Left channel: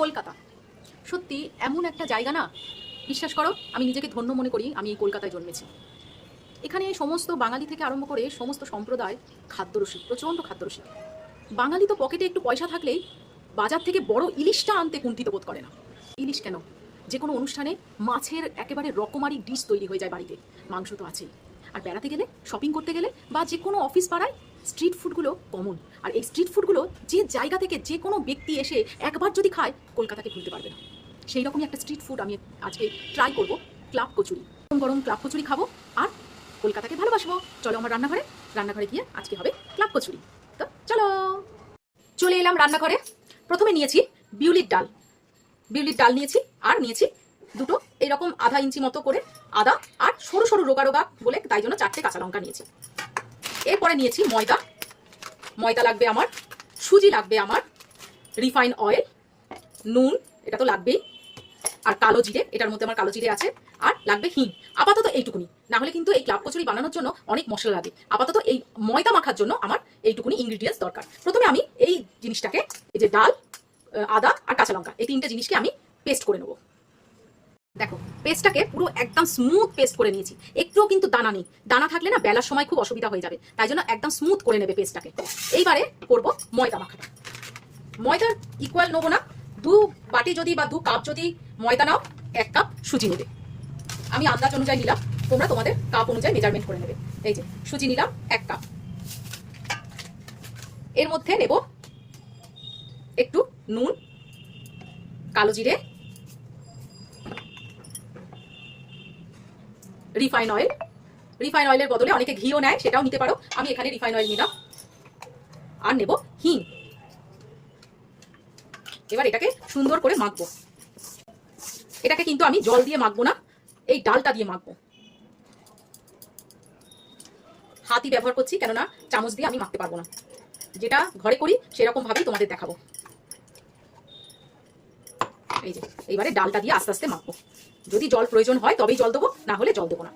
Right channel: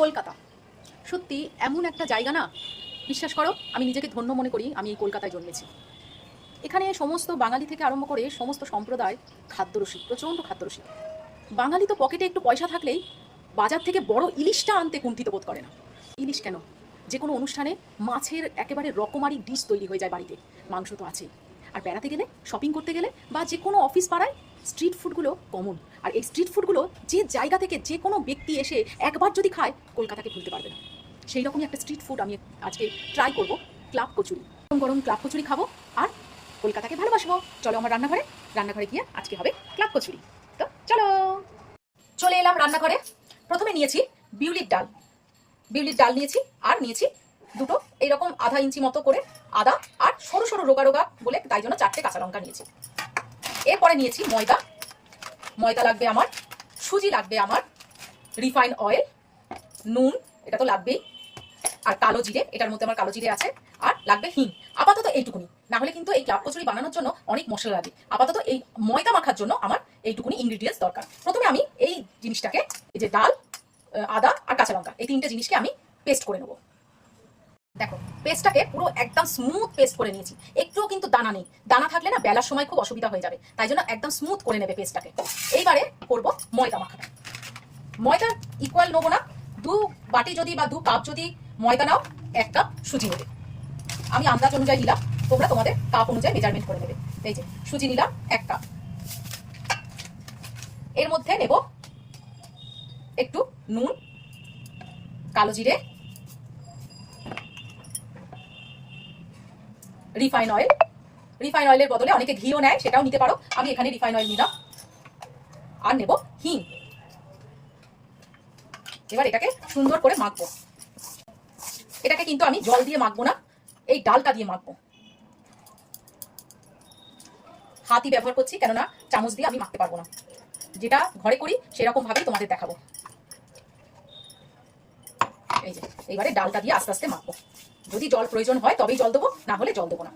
কলকাতা। সত্যি, এমন একটা জায়গা না? বিশ্বাস করো, আমি নিজেকে ধন্য মনে করি, আমি এই কলকাতায় জন্মেছি। এখানে সমস্ত বাঙালি থেকে আরম্ভ করে সমস্ত সম্প্রদায় খাদ্যরসিক, প্রচণ্ড খাদ্যরসিক। বাঙালি তো পকেটে একটু পয়সা থাকলেই বাজার থেকে বড় ইলিশটা আনতে কুণ্ঠিত বোধ করে না। ইলিশ কেন? যে কোনো অনুষ্ঠানে মাছের একেবারে রকমারি ডিশ তৈরি হয়ে যায় বাড়িতে। মাংস তো আছেই। আর বেড়াতে গেলে শপিং করতে গেলে বা যে কোনো অফিস পাড়ায় স্ট্রিট ফুডগুলো কমন আর এই স্ট্রিট ফুডগুলো যে জায়গা থেকে যে কোনো ব্যক্তি এসে একবার যদি খায়, কলকাতাকে ভুলতে পারবে না। সেই রকমই একটা স্ট্রিট ফুড আমি আজকে ট্রাই করব ক্লাব কচুরি। গরম গরম ক্লাব কচুরি খাব আর কলকাতাকে ভালোবাসবো। চলো আমার রান্নাঘরে রান্নাঘরে গিয়ে আজকে হবে ক্লাব কচুরি। তো চলো। চলে এলাম রান্নাঘরে। প্রথমে নিয়েছি বিউলির ডাল। বিউলির ডাল নিয়েছি আর নিয়েছি দুটো এইরকম আধা ইঞ্চি মতো করে আদা আর সরু সরু রোগা রোগা বলে তাই জন্য চারটে কাঁচা লঙ্কা নিয়েছি। এরপরে নিয়েছি ময়দা। ময়দা লাগবে আমার, সুজি লাগবে আমার, রিফাইন অয়েল, নুন, এটা তো লাগবেই, আর কালো জিরে, এটার মধ্যে আমার কালো জিরে আছে, আর লাগবে হিং। আপাতত এইটুকুনি। না হলে কিন্তু এই ক্লাব কচুরি বানানোর জন্য অনেক মশলা লাগে। আপাতত এই ময়দা মাখার জন্য আমার এইটুকুনি ইনগ্রিডিয়েন্টস দরকার। প্রথমে আমি এই জিনিসটাকে, এই যে ডাল, আদা আর কাঁচা লঙ্কা, এই তিনটে জিনিসকে আমি পেস্ট করে নেব। দেখো, পেস্টটাকে পুরো একদম স্মুথ পেস্ট করে নিয়েছি। একটুও কিন্তু দানা নেই। দানা থাকলে না বেলার সময় খুব অসুবিধা হয়ে যাবে। তাই জন্য একদম স্মুথ করে নেবে পেস্টটাকে। এইবারে করব ময়দা মাখাটা। ময়দা ইকুয়াল নেব না। দু বাটি যদি বা দু কাপ যদি ময়দা নাও, এক কাপ সুজি নেবে। আমি আন্দাজ অনুযায়ী নিলাম। তোমরা তোমাদের কাপ অনুযায়ী মেজারমেন্ট করে নেবে। এই যে, সুজি নিলাম, এক কাপ এর মধ্যে নেব একটু নুন, কালো জিরে রিফাইন অয়েল রিফাইন অয়েলের বদলে অনেকে ঘিও নেয়, সেটাও নিতে পারো। আমি এখানে রিফাইন অয়েল নিলাম। আর নেব হিং। এবার এটাকে সুন্দর করে মাখবো। এটাকে কিন্তু আমি জল দিয়ে মাখবো না, এই ডালটা দিয়ে মাখবো। হাতই ব্যবহার করছি, কেননা চামচ দিয়ে আমি মাখতে পারব না। যেটা ঘরে করি সেরকম ভাবেই তোমাদের দেখাবো। এই যে, এইবারে ডালটা দিয়ে আস্তে আস্তে মাখবো। যদি জল প্রয়োজন হয়, তবেই জল দেবো, না হলে জল দেবো না।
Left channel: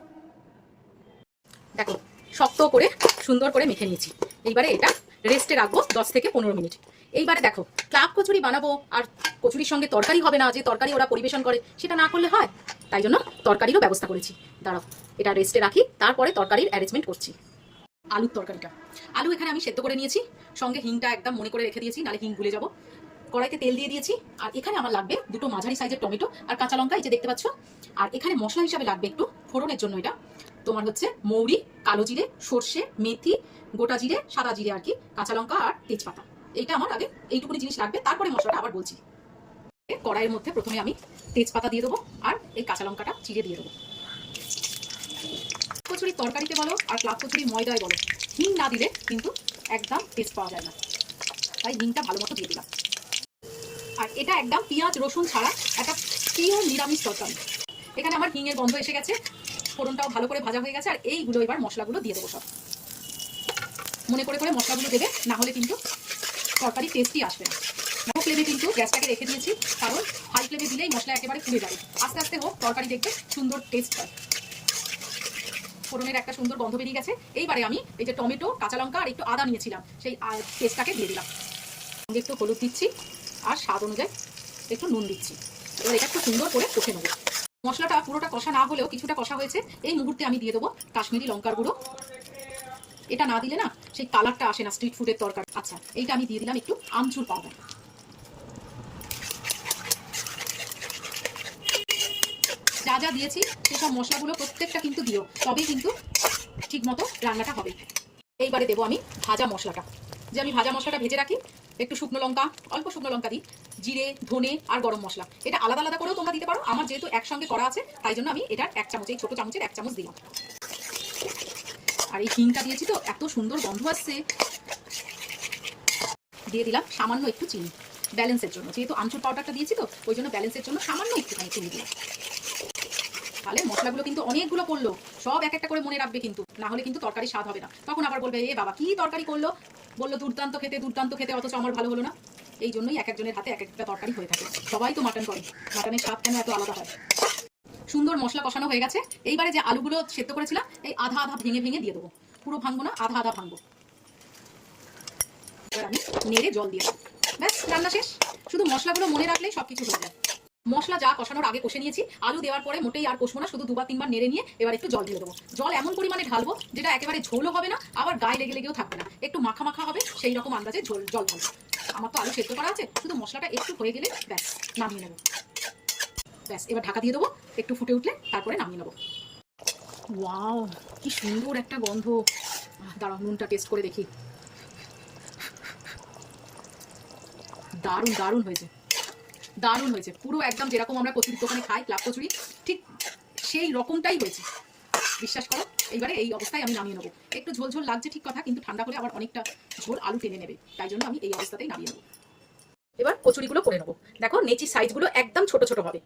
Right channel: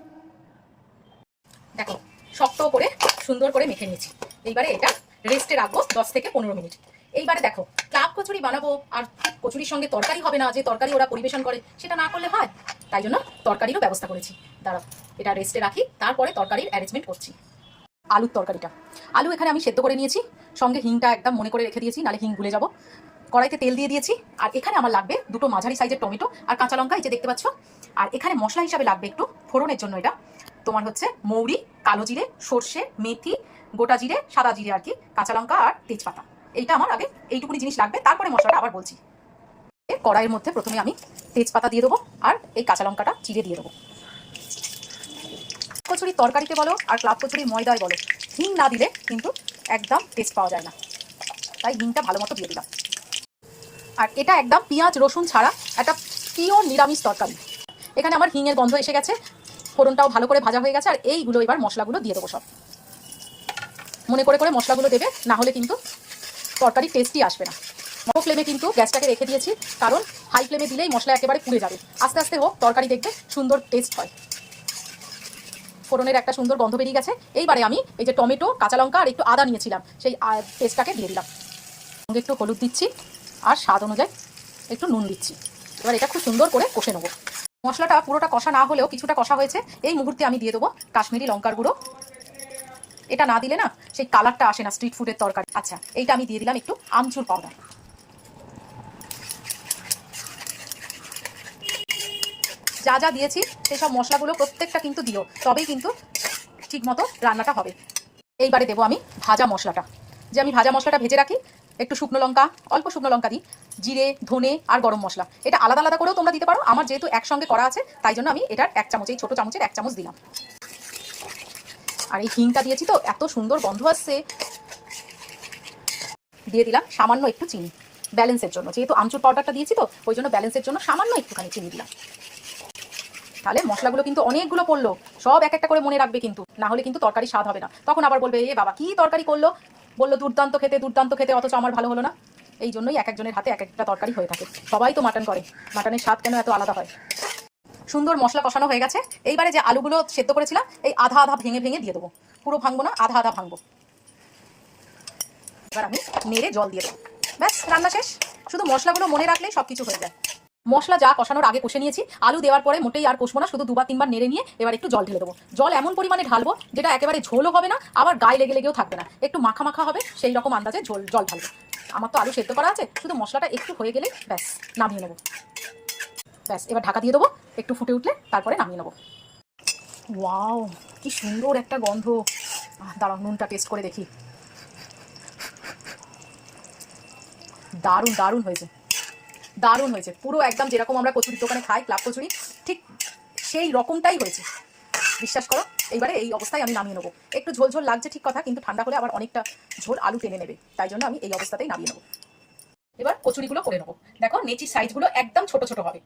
দেখো, শক্ত করে, সুন্দর করে মেখে নিয়েছি। এইবারে এটা রেস্টে রাখব দশ থেকে পনেরো মিনিট। এইবারে দেখো, ক্লাব কচুরি বানাবো, আর কচুরির সঙ্গে তরকারি হবে না, যে তরকারি ওরা পরিবেশন করে, সেটা না করলে হয়। তাই জন্য তরকারিরও ব্যবস্থা করেছি। দাঁড়াও, এটা রেস্টে রাখি, তারপরে তরকারির অ্যারেঞ্জমেন্ট করছি। আলুর তরকারিটা। আলু এখানে আমি সেদ্ধ করে নিয়েছি। সঙ্গে হিংটা একদম মনে করে রেখে দিয়েছি নালে হিং ভুলে যাব। কড়াইতে তেল দিয়ে দিয়েছি। আর এখানে আমার লাগবে দুটো মাঝারি সাইজের টমেটো আর কাঁচা লঙ্কা, এই যে দেখতে পাচ্ছ। আর এখানে মশলা হিসাবে লাগবে একটু ফোড়নের জন্য এটা। তোমার হচ্ছে মৌরি, কালো জিরে, সর্ষে, মেথি, গোটা জিরে, সাদা জিরে আর কি, কাঁচা লঙ্কা আর তেজপাতা। এইটা আমার আগে এইটুকুনি জিনিস লাগবে, তারপরে মশলাটা আবার বলছি। কড়াইয়ের মধ্যে প্রথমে আমি তেজপাতা দিয়ে দেবো আর এই কাঁচা লঙ্কাটা চিড়ে দিয়ে দেবো। কচুরি তরকারিতে বলো আর ক্লাব কচুরি ময়দায় বলো। হিং না দিলে কিন্তু একদম টেস্ট পাওয়া যায় না। তাই হিংটা ভালো মতো দিয়ে দিলাম। আর এটা একদম পেঁয়াজ, রসুন ছাড়া একটা পিওর নিরামিষ তরকারি। এখানে আমার হিঙের গন্ধ এসে গেছে, ফোড়নটাও ভালো করে ভাজা হয়ে গেছে, আর এইগুলো এবার মশলাগুলো দিয়ে দেবো সব। মনে করে করে মশলাগুলো দেবে, না হলে কিন্তু তরকারি টেস্টই আসবে না। লো ফ্লেমে কিন্তু গ্যাসটাকে রেখে দিয়েছি, কারণ হাই ফ্লেমে দিলেই মশলা একেবারে পুড়ে যাবে। আস্তে আস্তে হোক, তরকারি দেখবে সুন্দর টেস্ট হয়। ফোড়নের একটা সুন্দর গন্ধ বেরিয়ে গেছে। এইবারে আমি এই যে টমেটো, কাঁচা লঙ্কা আর একটু আদা নিয়েছিলাম, সেই পেস্টটাকে দিয়ে দিলাম। একটু হলুদ দিচ্ছি। আর স্বাদ অনুযায়ী একটু নুন দিচ্ছি। এবার এটা খুব সুন্দর করে কষে নেব। মশলাটা পুরোটা কষা না হলেও কিছুটা কষা হয়েছে। এই মুহূর্তে আমি দিয়ে দেবো কাশ্মীরি লঙ্কার গুঁড়ো। এটা না দিলে না সেই কালারটা আসে না স্ট্রিট ফুডের তরকারি। আচ্ছা এইটা আমি দিয়ে দিলাম একটু আমচুর পাউডার যা যা দিয়েছি সেই সব মশলাগুলো প্রত্যেকটা কিন্তু দিও, তবেই কিন্তু ঠিক মতো রান্নাটা হবে। এইবারে দেবো আমি ভাজা মশলাটা। যে আমি ভাজা মশলাটা ভেজে রাখি একটু শুকনো লঙ্কা, অল্প শুকনো লঙ্কা দিই। জিরে, ধনে আর গরম মশলা। এটা আলাদা আলাদা করেও তোমরা দিতে পারো। আমার যেহেতু একসঙ্গে করা আছে, তাই জন্য আমি এটার এক চামচ এই ছোটো চামচের এক চামচ দিলাম। আর এই হিংটা দিয়েছি তো, এত সুন্দর গন্ধ আসছে। দিয়ে দিলাম সামান্য একটু চিনি ব্যালেন্সের জন্য। যেহেতু আমচুর পাউডারটা দিয়েছি তো, ওই জন্য ব্যালেন্সের জন্য সামান্য একটুখানি চিনি দিলাম। তাহলে মশলাগুলো কিন্তু অনেকগুলো পড়ল সব এক একটা করে মনে রাখবে কিন্তু, না হলে কিন্তু তরকারি স্বাদ হবে না। তখন আবার বলবে, এ বাবা, কি তরকারি করল? বলল, দুর্দান্ত খেতে দুর্দান্ত খেতে, অথচ আমার ভালো হলো না। এই জন্যই এক একজনের হাতে এক একটা তরকারি হয়ে থাকে। সবাই তো মাটন করে। মাটনের স্বাদ কেন এত আলাদা হয়? সুন্দর মশলা কষানো হয়ে গেছে। এইবারে যে আলুগুলো সেদ্ধ করেছিলাম, এই আধা আধা ভেঙে ভেঙে দিয়ে দেবো। পুরো ভাঙবো না, আধা আধা ভাঙবো। এবার আমি নেড়ে জল দিয়ে দেবো। ব্যাস, রান্না শেষ। শুধু মশলাগুলো মনে রাখলেই সব কিছু হয়ে যায়। মশলা যা কষানোর আগে কষে নিয়েছি, আলু দেওয়ার পরে মোটেই আর কষবো না, শুধু দুবার তিনবার নেড়ে নিয়ে এবার একটু জল ঢেলে দেবো। জল এমন পরিমাণে ঢালবো যেটা একেবারে ঝোলও হবে না, আবার গায়ে লেগে লেগেও থাকবে না। একটু মাখা মাখা হবে, সেই রকম আন্দাজে ঝোল, জল ঢালবো। আমার তো আলু সেদ্ধ করা আছে, শুধু মশলাটা একটু হয়ে গেলে ব্যাস, নামিয়ে নেব। ব্যাস, এবার ঢাকা দিয়ে দেবো, একটু ফুটে উঠলে তারপরে নামিয়ে নেব। ওয়াও, কি সুন্দর একটা গন্ধ। দাঁড়াও, নুনটা টেস্ট করে দেখি। দারুণ দারুণ হয়েছে। দারুণ হয়েছে। পুরো একদম যেরকম আমরা কচুরির দোকানে খাই, ক্লাব কচুরি, ঠিক সেই রকমটাই হয়েছে। বিশ্বাস করো, এইবারে এই অবস্থায় আমি নামিয়ে নেব। একটু ঝোল ঝোল লাগছে ঠিক কথা, কিন্তু ঠান্ডা হলে আবার অনেকটা ঝোল আলু টেনে নেবে। তাই জন্য আমি এই অবস্থাতেই নামিয়ে নেব। এবার কচুরিগুলো করে নেব। দেখো নেচির সাইজগুলো একদম ছোট ছোট হবে।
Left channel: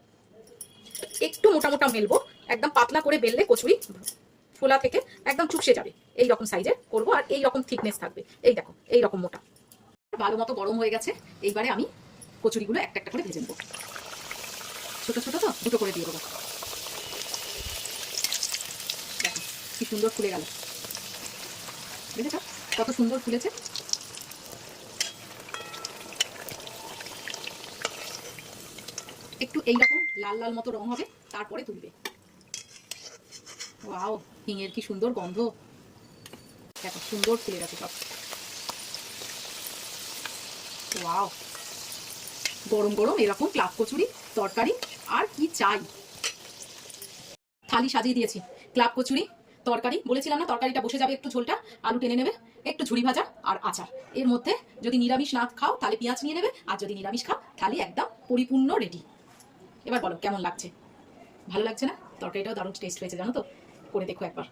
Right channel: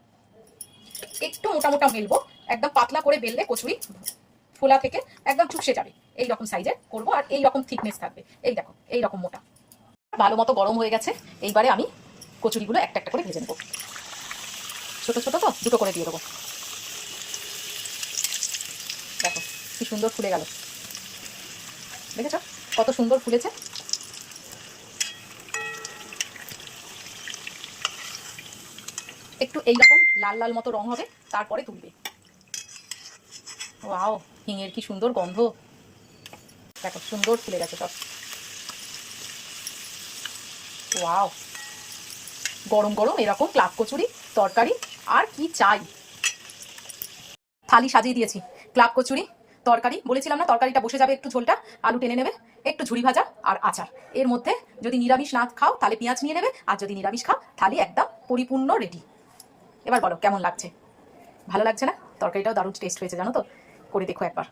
একটু মোটা মোটা মেলবো, একদম পাতলা করে বেললে কচুরি ফোলা থেকে একদম চুপসে যাবে। এই রকম সাইজে করব, আর এই রকম থিকনেস থাকবে। এই দেখো, এই রকম মোটা। ভালো মতো গরম হয়ে গেছে। এইবারে আমি কচুরিগুলো একটা একটা করে ভেজে নেব। ছোট ছোট তো, দুটো করে দিয়ে দেবো। দেখো, কি সুন্দর ফুলে গেল। দেখেছ? কত সুন্দর ফুলেছে। একটু এইরকম লাল লাল মতো রং হবে, তারপরে তুলবে। ওয়াও, হিঙের কি সুন্দর গন্ধ। দেখো, সুন্দর ফুলে গেছে সব। ওয়াও। গরম গরম এরকম ক্লাব কচুরি, তরকারি, আর কি চাই। থালি সাজিয়ে দিয়েছি। ক্লাব কচুরি, তরকারি, বলেছিলাম না তরকারিটা বসে যাবে একটু ঝোলটা, আলু টেনে নেবে, একটু ঝুড়ি ভাজা আর আচার। এর মধ্যে যদি নিরামিষ না খাও তাহলে পেঁয়াজ নিয়ে নেবে, আর যদি নিরামিষ খাও থালি একদম পরিপূর্ণ রেডি এবার বলো কেমন লাগছে? ভালো লাগছে না? তরকারিটাও দারুণ টেস্ট হয়েছে, জানো তো? করে দেখো একবার।